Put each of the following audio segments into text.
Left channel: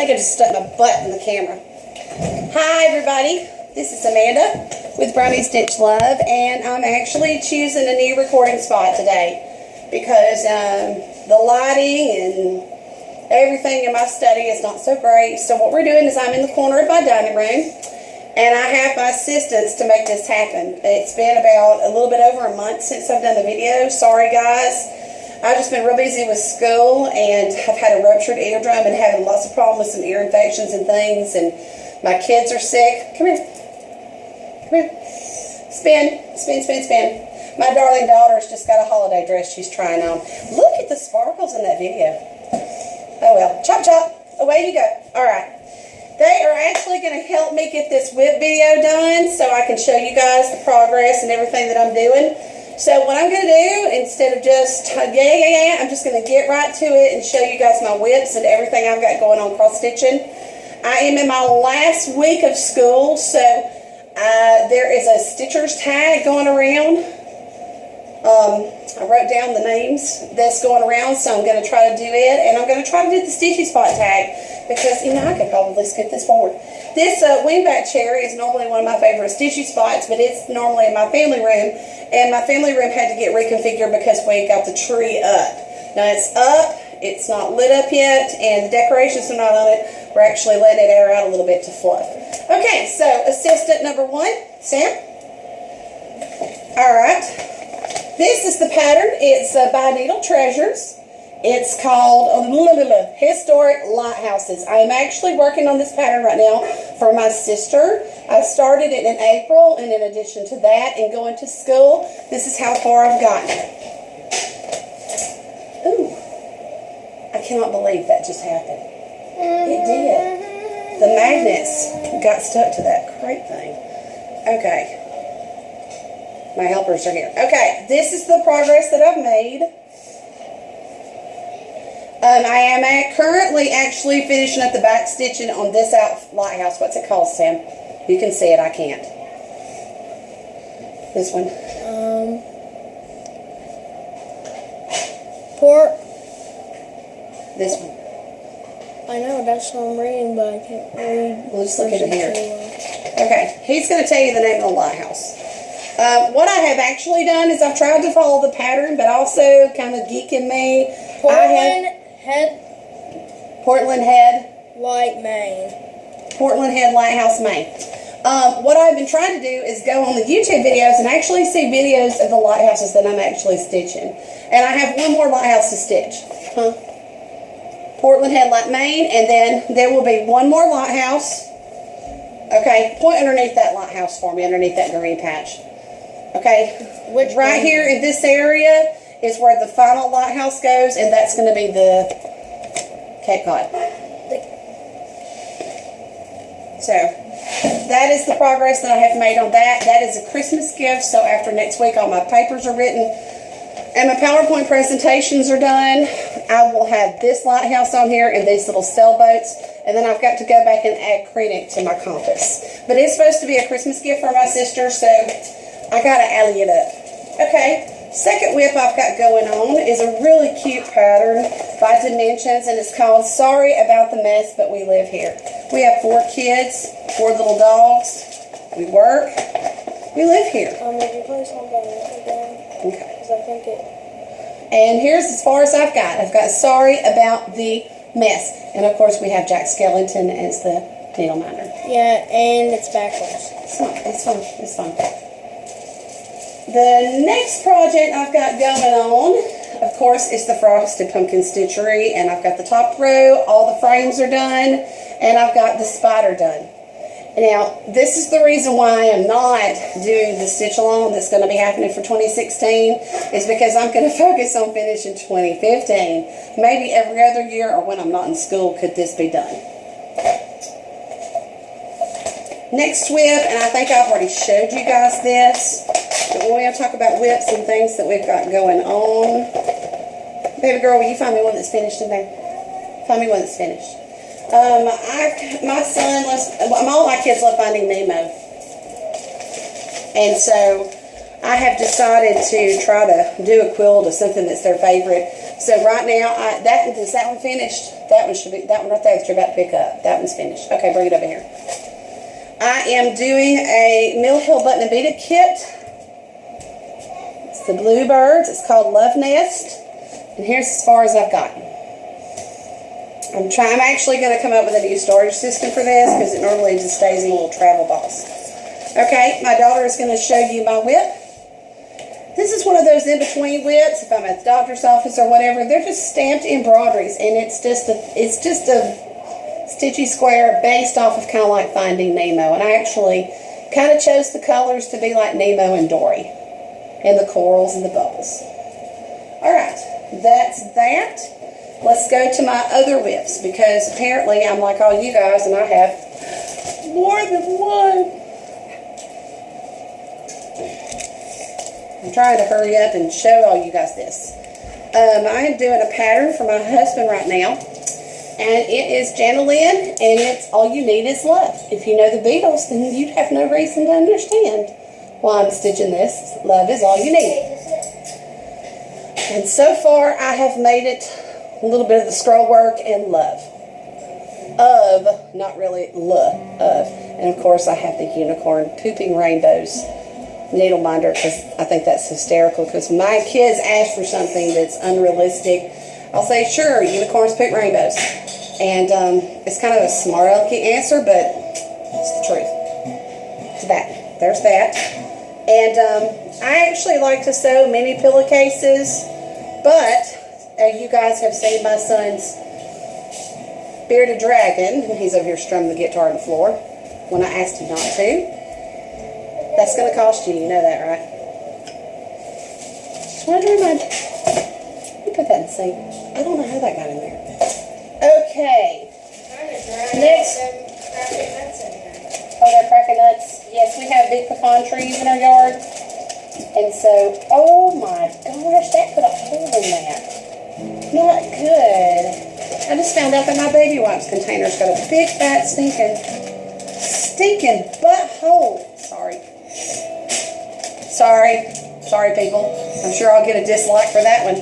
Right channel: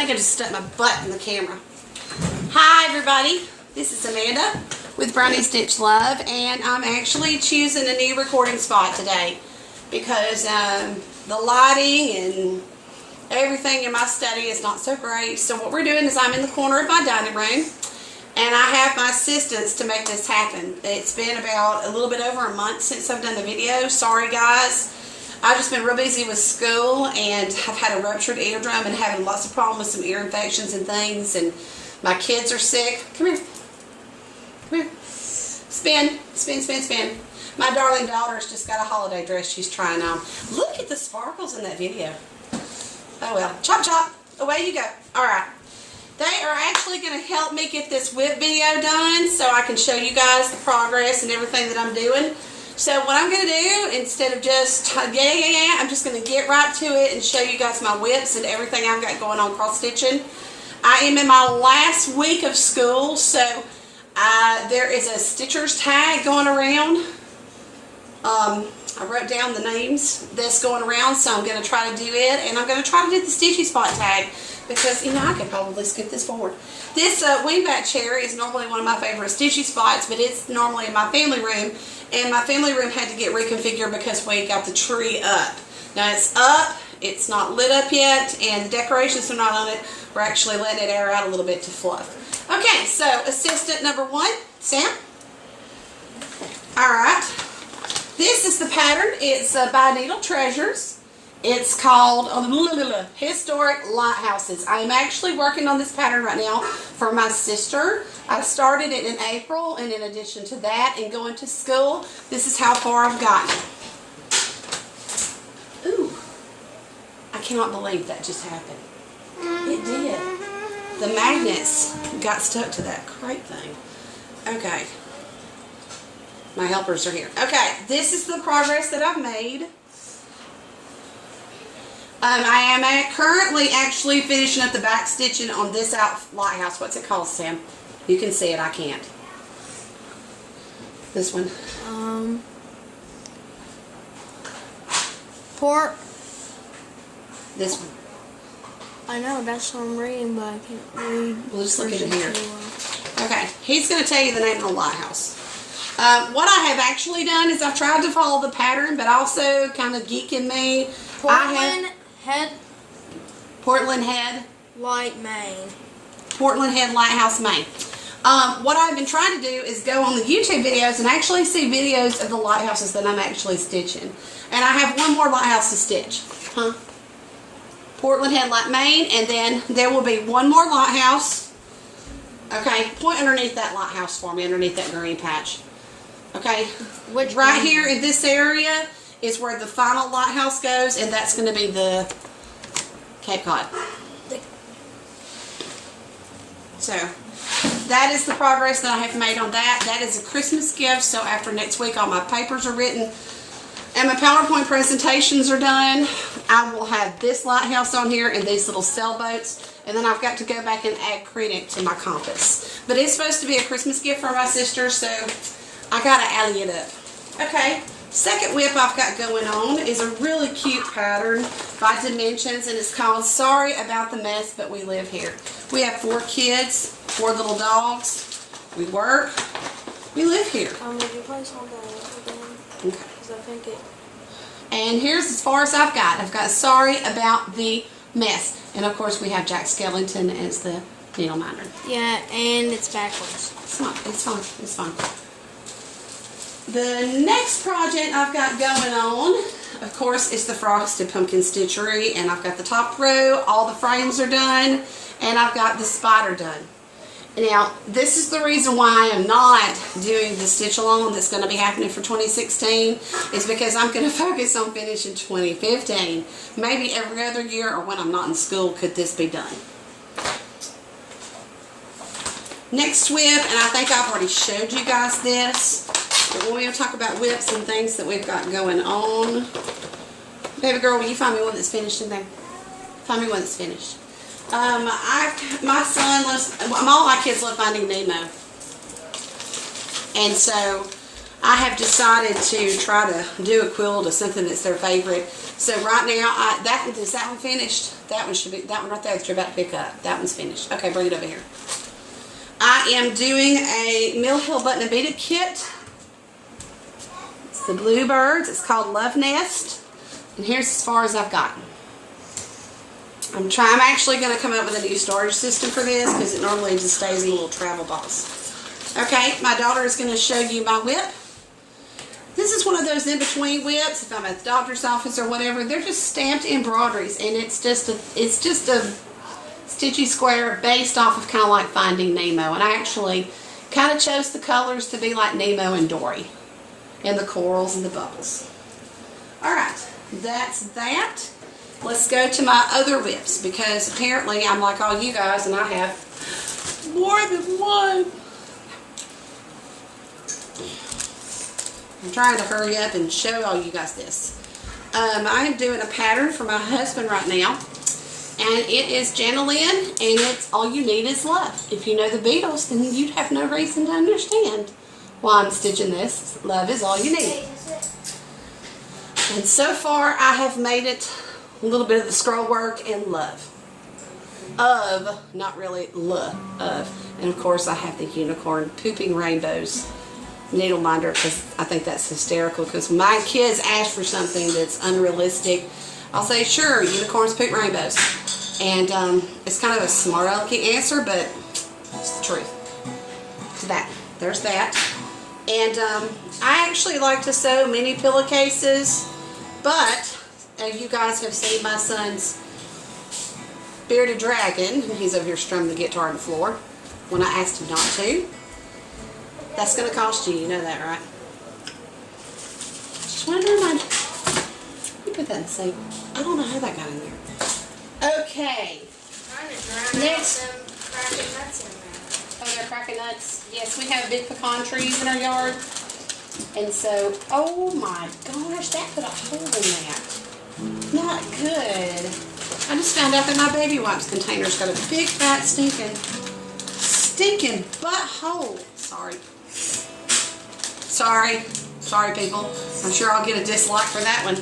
think I just stuck my butt in the camera. Hi everybody, this is Amanda with Brownie Stitch Love, and I'm actually choosing a new recording spot today because the lighting and everything in my study is not so great. So what we're doing is I'm in the corner of my dining room, and I have my assistants to make this happen. It's been about a little bit over a month since I've done the video. Sorry guys. I've just been real busy with school, and I've had a ruptured eardrum and having lots of problems with some ear infections and things, and my kids are sick. Come here. Come here. Spin, spin, spin, spin. My darling daughter's just got a holiday dress she's trying on. Look at the sparkles in that video. Oh well. Chop, chop. Away you go. Alright. They are actually going to help me get this whip video done so I can show you guys the progress and everything that I'm doing. So what I'm going to do, instead of just, I'm just going to get right to it and show you guys my whips and everything I've got going on cross-stitching. I am in my last week of school, so there is a stitcher's tag going around. I wrote down the names that's going around, so I'm going to try to do it, and I'm going to try to do the stitchy spot tag because, you know, I could probably scoot this forward. This wingback chair is normally one of my favorite stitchy spots, but it's normally in my family room, and my family room had to get reconfigured because we got the tree up. Now it's up, it's not lit up yet, and the decorations are not on it. We're actually letting it air out a little bit to fluff. Okay, so assistant number 1, Sam. Alright. This is the pattern. It's by Needle Treasures. It's called Historic Lighthouses. I am actually working on this pattern right now for my sister. I started it in April, and in addition to that and going to school, this is how far I've gotten. Ooh, I cannot believe that just happened. It did. The magnets got stuck to that crate thing. Okay. My helpers are here. Okay, this is the progress that I've made. I am currently actually finishing up the back stitching on this lighthouse. What's it called, Sam? You can see it, I can't. This one. This one. I know, that's what I'm reading, but I can't read. We'll just look at it here. Okay, he's going to tell you the name of the lighthouse. What I have actually done is I've tried to follow the pattern, but also kind of geeking me. Portland Head, Maine. Portland Head Lighthouse, Maine. What I've been trying to do is go on the YouTube videos and actually see videos of the lighthouses that I'm actually stitching. And I have one more lighthouse to stitch. Portland Head, Maine, and then there will be one more lighthouse. Okay, point underneath that lighthouse for me, underneath that green patch. Okay, which right here in this area is where the final lighthouse goes, and that's going to be the Cape Cod. So, that is the progress that I have made on that. That is a Christmas gift, so after next week all my papers are written and my PowerPoint presentations are done, I will have this lighthouse on here and these little sailboats, and then I've got to go back and add credit to my compass. But it's supposed to be a Christmas gift for my sister, so I got to alley it up. Okay. Second whip I've got going on is a really cute pattern by Dimensions, and it's called Sorry About the Mess, But We Live Here. We have 4 kids, 4 little dogs. We work. We live here. Would you please hold that again? Okay. Because I think it... And here's as far as I've got. I've got Sorry About the Mess. And of course we have Jack Skellington as the needle minder. Yeah, and it's backwards. It's not. It's fine. It's fine. The next project I've got going on, of course, is the Frosted Pumpkin Stitchery, and I've got the top row, all the frames are done, and I've got the spider done. Now, this is the reason why I am not doing the stitch along that's going to be happening for 2016, is because I'm going to focus on finishing 2015. Maybe every other year or when I'm not in school could this be done. Next whip, and I think I've already showed you guys this. But when we talk about whips and things that we've got going on, baby girl, will you find me one that's finished in there? Find me one that's finished. My son loves, all my kids love Finding Nemo. And so I have decided to try to do a quilt of something that's their favorite. So right now, is that one finished? That one right there that you're about to pick up. That one's finished. Okay, bring it over here. I am doing a Mill Hill Button and Beaded kit. It's the Bluebirds. It's called Love Nest. And here's as far as I've gotten. I'm actually going to come up with a new storage system for this because it normally just stays in little travel balls. Okay, my daughter is going to show you my whip. This is one of those in-between whips. If I'm at the doctor's office or whatever, they're just stamped embroideries, and it's just a stitchy square based off of kind of like Finding Nemo. And I actually kind of chose the colors to be like Nemo and Dory, and the corals and the bubbles. All right, that's that. Let's go to my other whips, because apparently I'm like all you guys and I have more than one. I'm trying to hurry up and show all you guys this. I am doing a pattern for my husband right now, and it is Jana Lynn, and it's All You Need Is Love. If you know the Beatles, then you'd have no reason to understand why I'm stitching this. Love is all you need. And so far I have made it a little bit of the scroll work and love. Of, not really love, of. And of course I have the unicorn pooping rainbows needle binder, because I think that's hysterical, because when my kids ask for something that's unrealistic, I'll say, sure, unicorns poop rainbows. And it's kind of a smart alecky answer, but it's the truth. So there's that. And I actually like to sew mini pillowcases, but you guys have seen my son's bearded dragon, and he's over here strumming the guitar on the floor when I asked him not to. That's going to cost you know that, right? Just wanted to remind you. You put that in the sink. I don't know how that got in there. Okay. Next. Oh, they're cracking nuts. Yes, we have big pecan trees in our yard. And so, oh my gosh, that put a hole in that. Not good. I just found out that my baby wipes container's got a big fat stinking butthole. Sorry people. I'm sure I'll get a dislike for that one.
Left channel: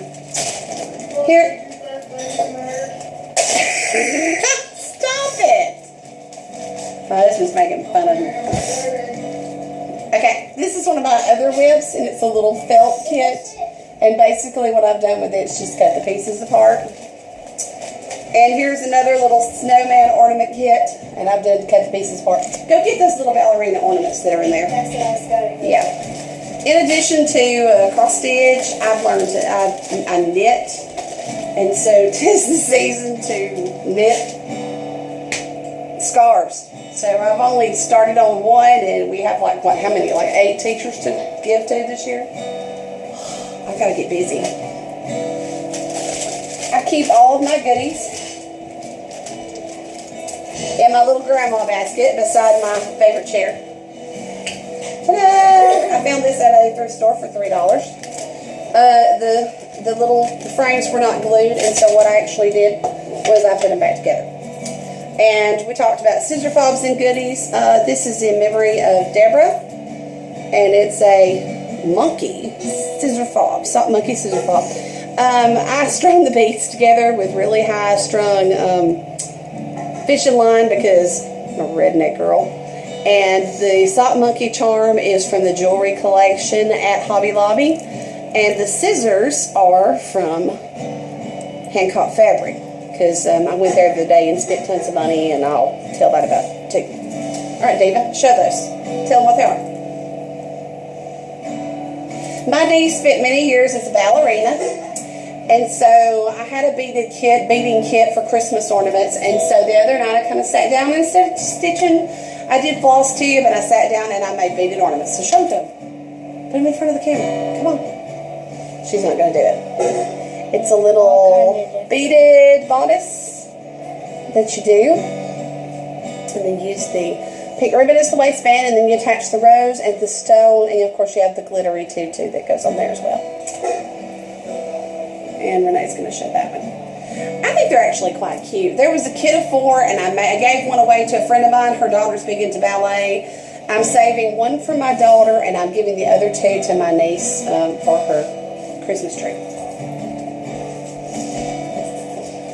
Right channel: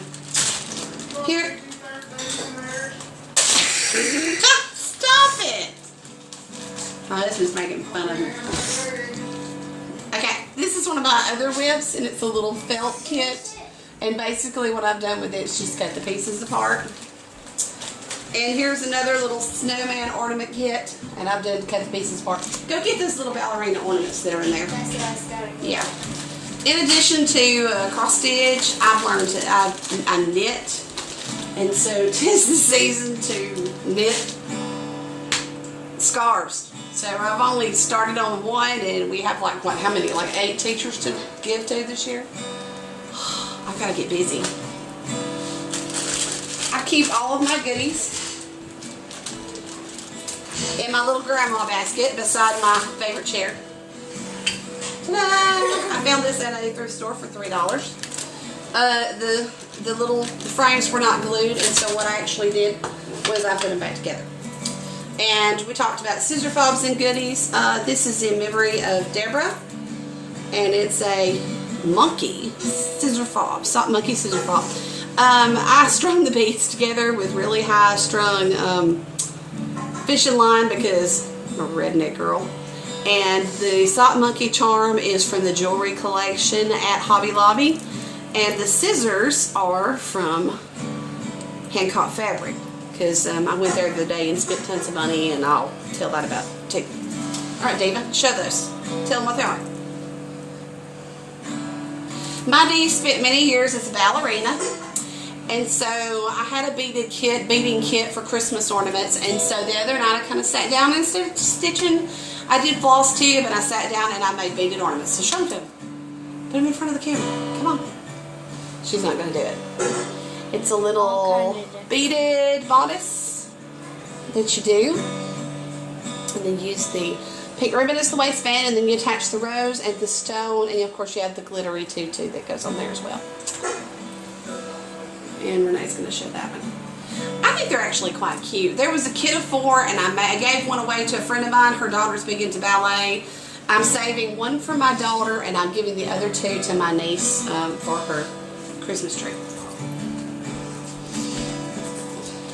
Here. Stop it. My husband's making fun of me. Okay, this is one of my other whips, and it's a little felt kit. And basically what I've done with it is just cut the pieces apart. And here's another little snowman ornament kit, and I've done cut the pieces apart. Go get those little ballerina ornaments that are in there. Yeah. In addition to cross stitch, I've learned to I knit, and so 'tis the season to knit scarves. So I've only started on one, and we have like how many? Like 8 teachers to give to this year. I gotta get busy. I keep all of my goodies in my little grandma basket beside my favorite chair. Ta-da! I found this at a thrift store for $3. The frames were not glued, and so what I actually did was I put them back together. And we talked about scissor fobs and goodies. This is in memory of Deborah, and it's a monkey scissor fob, sock monkey scissor fob. I strung the beads together with really high strung fishing line because I'm a redneck girl. And the sock monkey charm is from the jewelry collection at Hobby Lobby, and the scissors are from Hancock Fabric, because I went there the other day and spent tons of money, and I'll tell that about it too. Alright, Diva, show those. Tell them what they are. My niece spent many years as a ballerina, and so I had a beading kit for Christmas ornaments, and so the other night I kind of sat down and started stitching. I did floss too, but I sat down and I made beaded ornaments. So show them. Put them in front of the camera. Come on. She's not going to do it. It's a little beaded bodice that you do, and then use the pink ribbon as the waistband, and then you attach the rose and the stone, and of course you have the glittery tutu that goes on there as well. And Renee's going to show that one. I think they're actually quite cute. There was a kit of 4, and I gave one away to a friend of mine. Her daughter's big into ballet, I'm saving one for my daughter, and I'm giving the other two to my niece for her Christmas tree.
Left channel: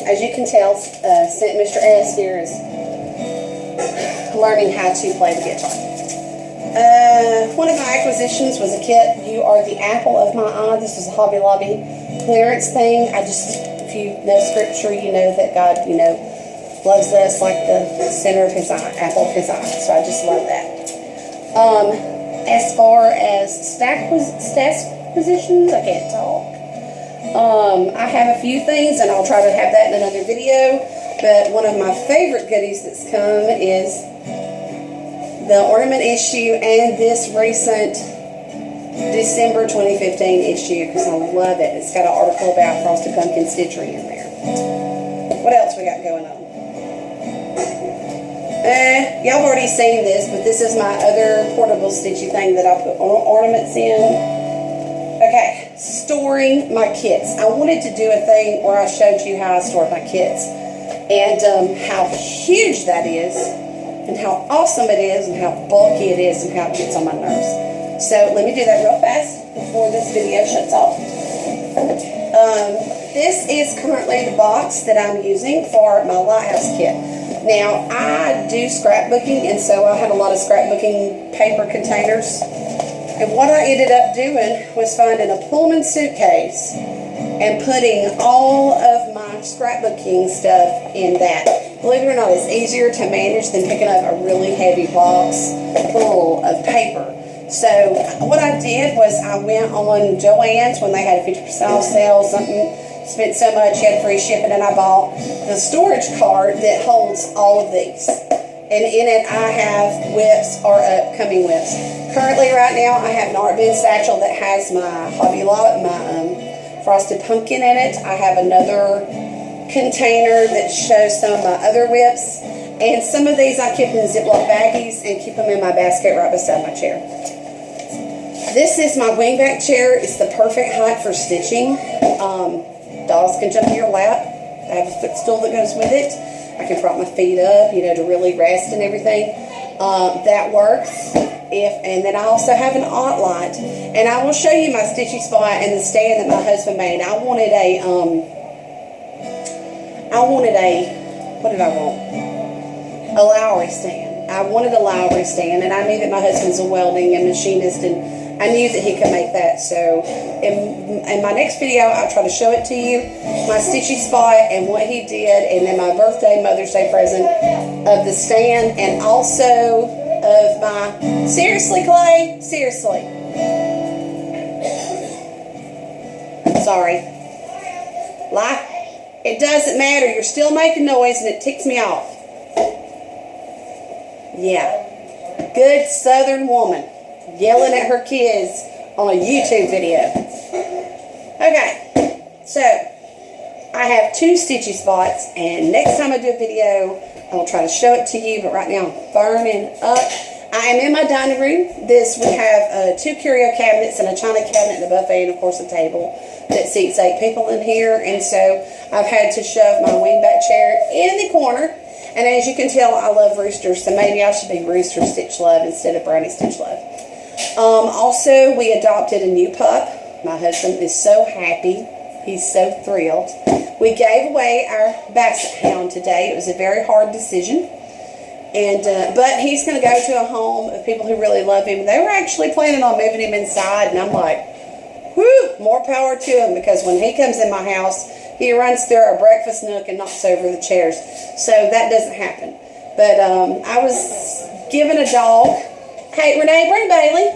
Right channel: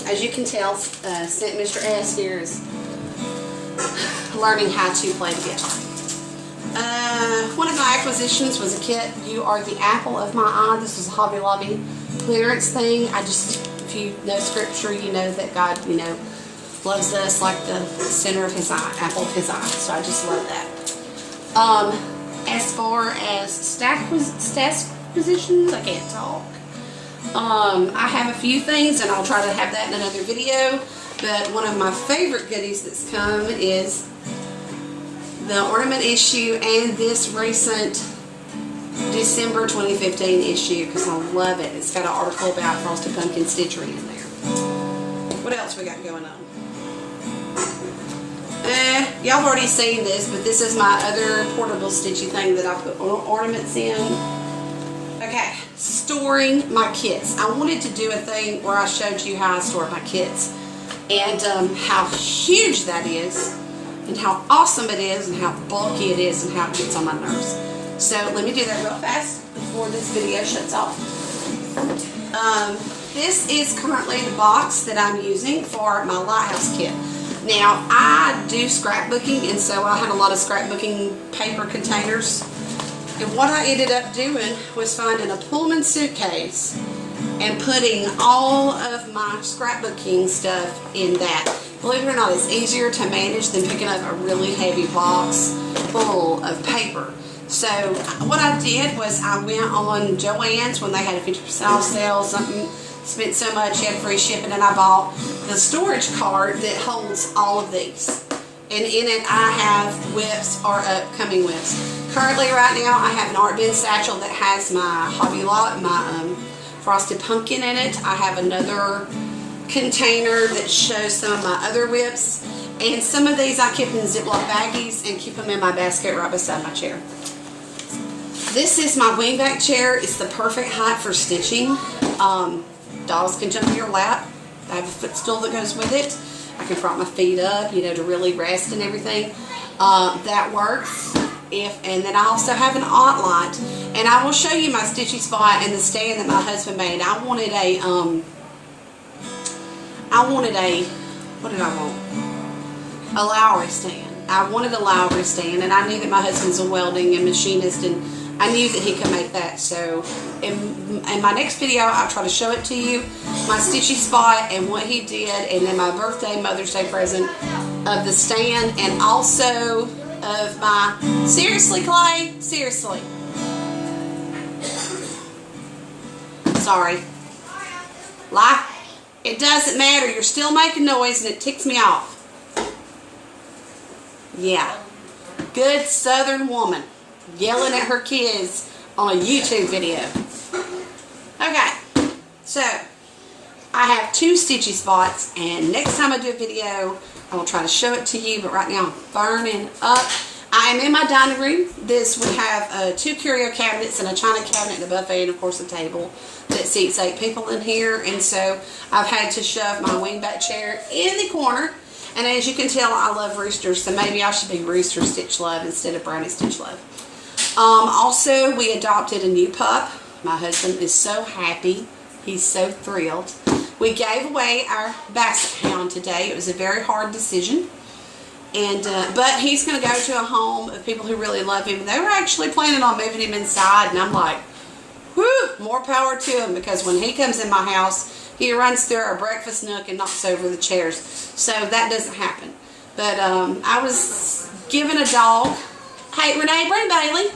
As you can tell, Mr. S here is learning how to play the guitar. One of my acquisitions was a kit, You Are the Apple of My Eye. This was a Hobby Lobby clearance thing. If you know scripture, you know that God, loves us like the center of his eye, apple of his eye. So I just love that. As far as stash positions, I can't talk. I have a few things, and I'll try to have that in another video. But one of my favorite goodies that's come is the ornament issue and this recent December 2015 issue, because I love it. It's got an article about frosted pumpkin stitchery in there. What else we got going on? Y'all have already seen this, but this is my other portable stitchy thing that I put ornaments in. Okay, storing my kits. I wanted to do a thing where I showed you how I store my kits, and how huge that is, and how awesome it is, and how bulky it is, and how it gets on my nerves. So let me do that real fast before this video shuts off. This is currently the box that I'm using for my lighthouse kit. Now, I do scrapbooking, and so I had a lot of scrapbooking paper containers. And what I ended up doing was finding a Pullman suitcase and putting all of my scrapbooking stuff in that. Believe it or not, it's easier to manage than picking up a really heavy box full of paper. So what I did was I went on Joann's when they had a 50% off sale, spent so much, had free shipping, and I bought the storage cart that holds all of these. And in it I have whips or upcoming whips. Currently right now I have an art bin satchel that has my Hobby Lot, my frosted pumpkin in it. I have another container that shows some of my other whips. And some of these I keep in Ziploc baggies and keep them in my basket right beside my chair. This is my wingback chair. It's the perfect height for stitching. Dogs can jump in your lap. I have a footstool that goes with it. I can prop my feet up, to really rest and everything. That works. And then I also have an aunt light. And I will show you my stitchy spot and the stand that my husband made. I wanted a, what did I want? A Lowry stand. I wanted a Lowry stand, and I knew that my husband's a welding and machinist, and I knew that he could make that. So in my next video, I'll try to show it to you, my stitchy spot and what he did, and then my birthday, Mother's Day present of the stand, and also of my, seriously, Clay? Seriously. Sorry. Lie. It doesn't matter. You're still making noise, and it ticks me off. Yeah. Good Southern woman yelling at her kids on a YouTube video. Okay, so I have two stitchy spots, and next time I do a video, I'll try to show it to you, but right now I'm burning up. I am in my dining room. We have two curio cabinets and a china cabinet and a buffet, and of course a table that seats 8 people in here, and so I've had to shove my wingback chair in the corner. And as you can tell, I love roosters, so maybe I should be Rooster Stitch Love instead of Brownie Stitch Love. Also, we adopted a new pup. My husband is so happy. He's so thrilled. We gave away our basset hound today. It was a very hard decision. But he's going to go to a home of people who really love him. They were actually planning on moving him inside, and I'm like, whoo, more power to him, because when he comes in my house, he runs through our breakfast nook and knocks over the chairs. So that doesn't happen. But I was given a dog. Hey, Renee, bring Bailey.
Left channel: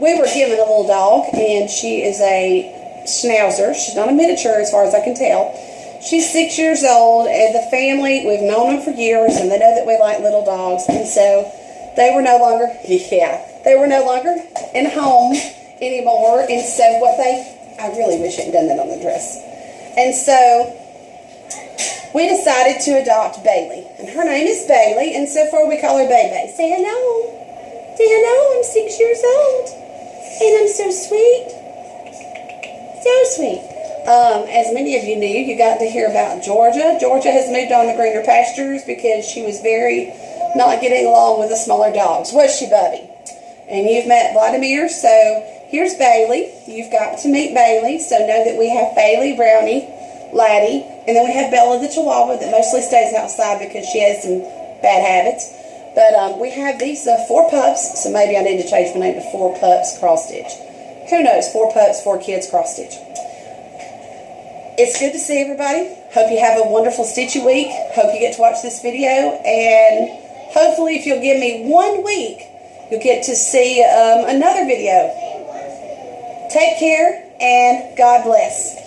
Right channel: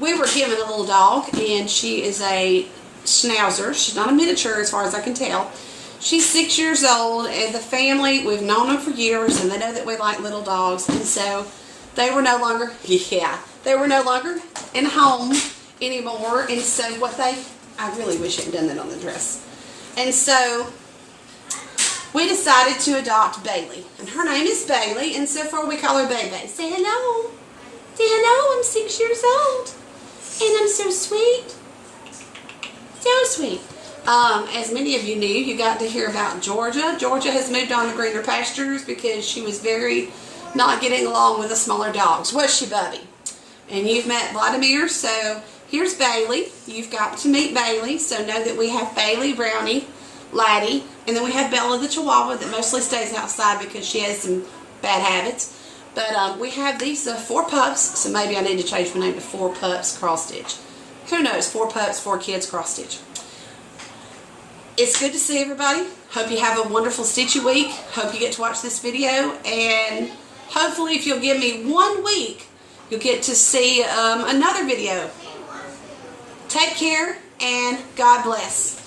We were given a little dog, and she is a schnauzer. She's not a miniature as far as I can tell. She's 6 years old, and the family, we've known them for years, and they know that we like little dogs. And so they were no longer, they were no longer in home anymore. And so I really wish I had done that on the dress. And so we decided to adopt Bailey. And her name is Bailey, and so far we call her Baby. Say hello. Say hello, I'm 6 years old. And I'm so sweet. So sweet. As many of you knew, you got to hear about Georgia. Georgia has moved on to greener pastures because she was very not getting along with the smaller dogs. Was she, Bubby? And you've met Vladimir, so here's Bailey. You've got to meet Bailey, so know that we have Bailey, Brownie, Laddie, and then we have Bella the Chihuahua that mostly stays outside because she has some bad habits. But we have these 4 pups, so maybe I need to change my name to 4 Pups Cross Stitch. Who knows? 4 pups, 4 kids cross stitch. It's good to see everybody. Hope you have a wonderful stitchy week. Hope you get to watch this video, and hopefully if you'll give me 1 week, you'll get to see another video. Take care, and God bless.